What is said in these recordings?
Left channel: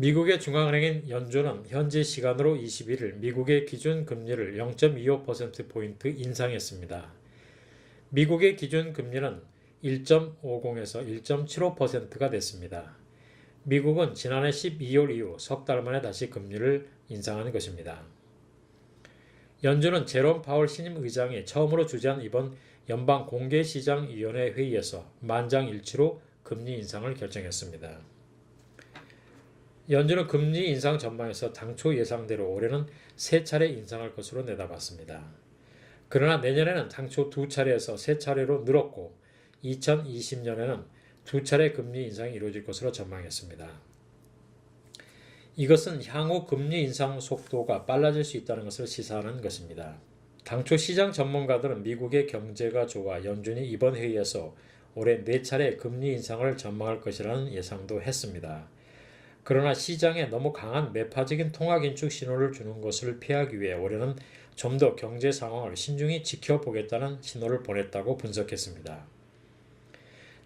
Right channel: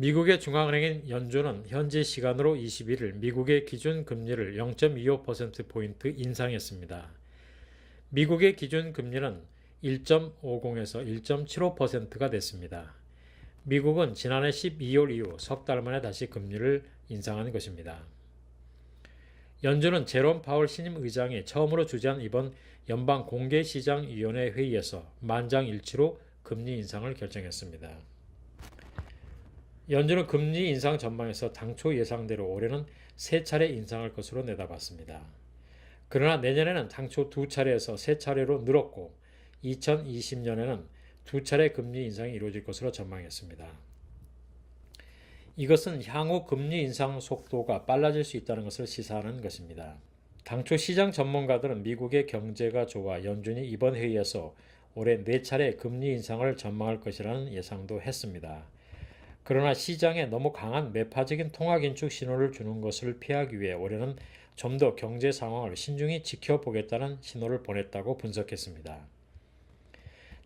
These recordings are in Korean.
미국의 중앙은행인 연준은 현지 시간으로 21일 미국의 기준금리를 0.25%포인트 인상했습니다. 미국의 기준금리는 1.50에서 1.75%가 됐습니다. 미국은 지난해 12월 이후 석 달 만에 다시 금리를 인상한 것입니다. 연준은 제롬 파월 신임 의장이 처음으로 주재한 이번 연방공개시장위원회 회의에서 만장일치로 금리 인상을 결정했습니다. 연준은 금리 인상 전망에서 당초 예상대로 올해는 3차례 인상할 것으로 내다봤습니다. 그러나 내년에는 당초 2차례에서 3차례로 늘었고 2020년에는 2차례 금리 인상이 이루어질 것으로 전망했습니다. 이것은 향후 금리 인상 속도가 빨라질 수 있다는 것을 시사하는 것입니다. 당초 시장 전문가들은 미국의 경제가 좋아 연준이 이번 회의에서 올해 4차례 금리 인상을 전망할 것이라는 예상도 했습니다. 그러나 시장에 너무 강한 매파적인 통화 긴축 신호를 주는 것을 피하기 위해 올해는 좀 더 경제 상황을 신중히 지켜보겠다는 신호를 보냈다고 분석했습니다.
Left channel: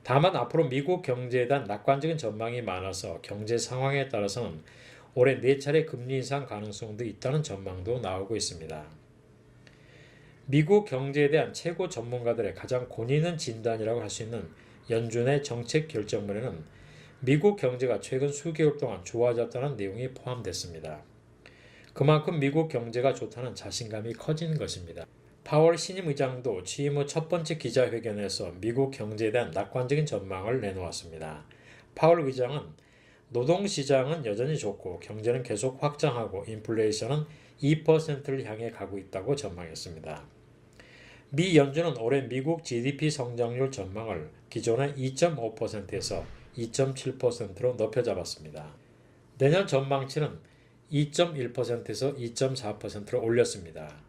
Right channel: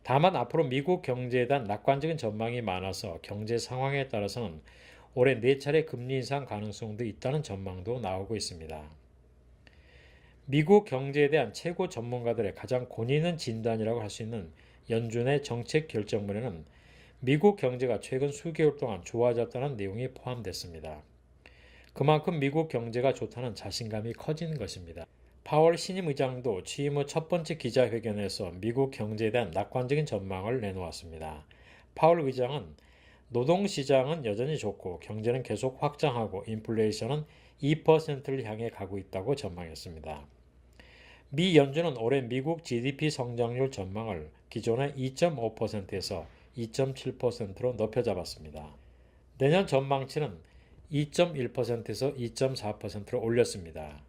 다만 앞으로 미국 경제에 대한 낙관적인 전망이 많아서 경제 상황에 따라서는 올해 4차례 금리 인상 가능성도 있다는 전망도 나오고 있습니다. 미국 경제에 대한 최고 전문가들의 가장 권위 있는 진단이라고 할 수 있는 연준의 정책 결정문에는 미국 경제가 최근 수개월 동안 좋아졌다는 내용이 포함됐습니다. 그만큼 미국 경제가 좋다는 자신감이 커진 것입니다. 파월 신임 의장도 취임 후 첫 번째 기자회견에서 미국 경제에 대한 낙관적인 전망을 내놓았습니다. 파월 의장은 노동시장은 여전히 좋고 경제는 계속 확장하고 인플레이션은 2%를 향해 가고 있다고 전망했습니다. 미 연준은 올해 미국 GDP 성장률 전망을 기존의 2.5%에서 2.7%로 높여 잡았습니다. 내년 전망치는 2.1%에서 2.4%로 올렸습니다.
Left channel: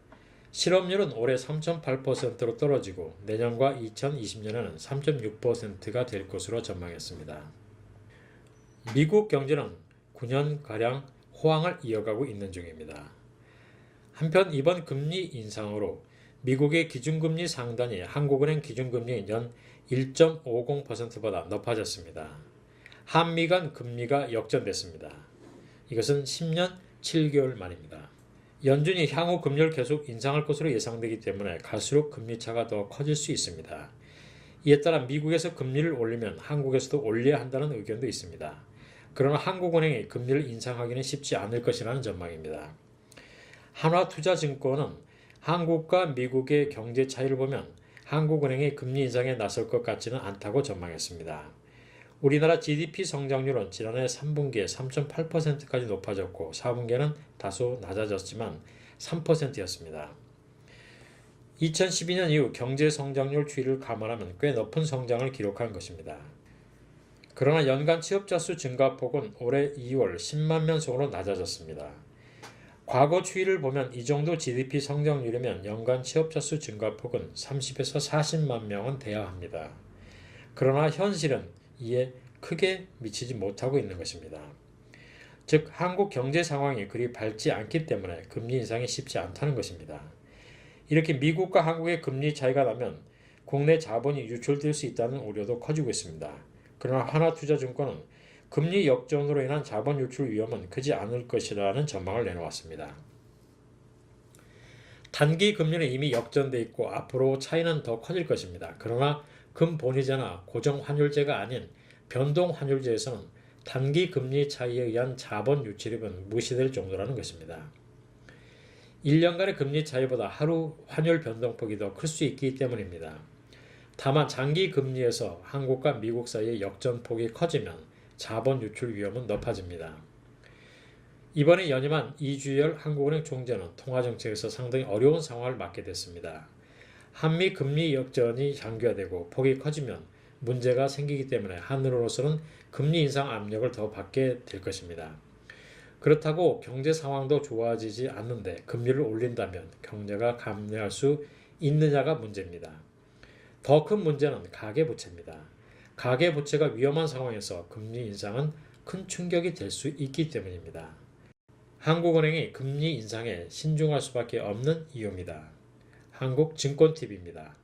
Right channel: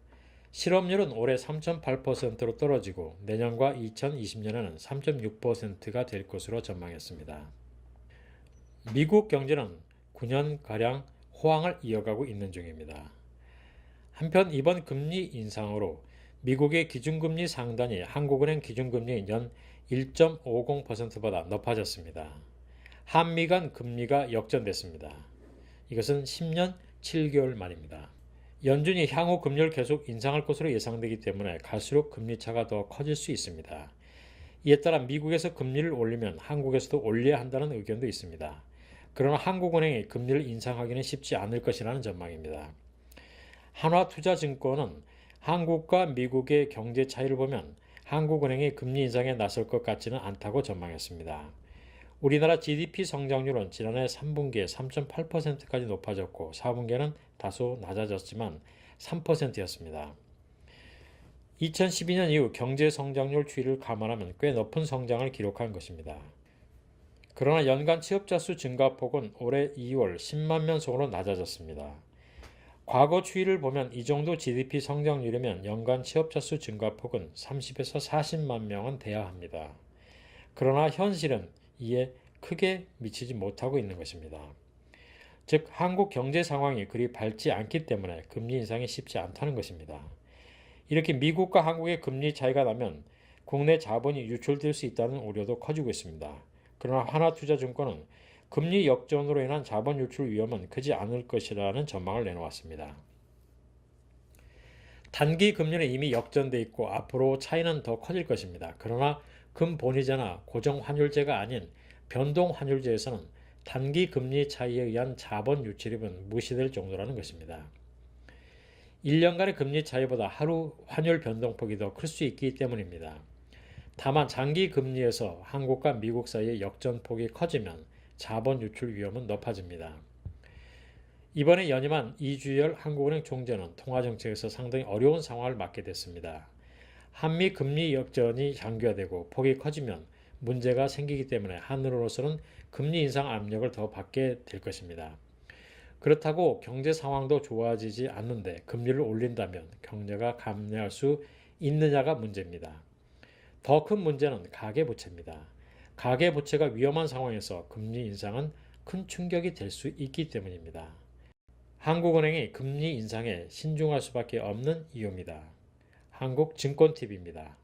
실업률은 올해 3.8%로 떨어지고 내년과 2020년에는 3.6%가 될 것으로 전망했습니다. 미국 경제는 9년가량 호황을 이어가고 있는 중입니다. 한편 이번 금리 인상으로 미국의 기준금리 상단이 한국은행 기준금리인 연 1.50%보다 높아졌습니다. 한미 간 금리가 역전됐습니다. 이것은 10년 7개월 만입니다. 연준이 향후 금리를 계속 인상할 것으로 예상되기 때문에 갈수록 금리차가 더 커질 수 있습니다. 이에 따라 미국에서 금리를 올리면 한국에서도 올려야 한다는 의견도 있습니다. 그러나 한국은행이 금리를 인상하기는 쉽지 않을 것이라는 전망입니다. 한화투자증권은 한국과 미국의 경제 차이를 보면 한국은행이 금리 인상에 나설 것 같지는 않다고 전망했습니다. 우리나라 GDP 성장률은 지난해 3분기에 3.8%까지 높아졌고 4분기에는 다소 낮아졌지만 3%였습니다. 2012년 이후 경제 성장률 추이를 감안하면 꽤 높은 성장을 기록한 것입니다. 그러나 연간 취업자 수 증가폭은 올해 2월 10만 명 선으로 낮아졌습니다. 과거 추이를 보면 이 정도 GDP 성장률이면 연간 취업자 수 증가폭은 30에서 40만 명은 돼야 합니다. 그러나 현실은 이에 크게 미치지 못하고 있는 것입니다. 즉 한국 경제 상황이 그리 밝지 않기 때문에 금리 인상이 쉽지 않다는 것입니다. 이렇게 미국과 한국의 금리 차이가 나면 국내 자본이 유출될 수 있다는 우려도 커지고 있습니다. 그러나 하나투자증권은 금리 역전으로 인한 자본 유출 위험은 크지 않을 것이라는 전망을 내놓았습니다. 단기 금리는 이미 역전돼 있고 앞으로 차이는 더 커질 것입니다. 그러나 금본위제나 고정환율제가 아닌 변동환율제에서는 단기 금리 차이에 의한 자본 유출입은 무시될 정도라는 것입니다. 1년간의 금리 차이보다 하루 환율 변동폭이 더 클 수 있기 때문입니다. 다만 장기 금리에서 한국과 미국 사이의 역전폭이 커지면 자본 유출 위험은 높아집니다. 이번에 연임한 이주열 한국은행 총재는 통화정책에서 상당히 어려운 상황을 맞게 됐습니다. 한미 금리 역전이 장기화되고 폭이 커지면 문제가 생기기 때문에 한으로서는 금리 인상 압력을 더 받게 될 것입니다. 그렇다고 경제 상황도 좋아지지 않는데 금리를 올린다면 경제가 감내할 수 있느냐가 문제입니다. 더 큰 문제는 가계부채입니다. 가계부채가 위험한 상황에서 금리 인상은 큰 충격이 될 수 있기 때문입니다. 한국은행이 금리 인상에 신중할 수밖에 없는 이유입니다. 한국증권TV입니다.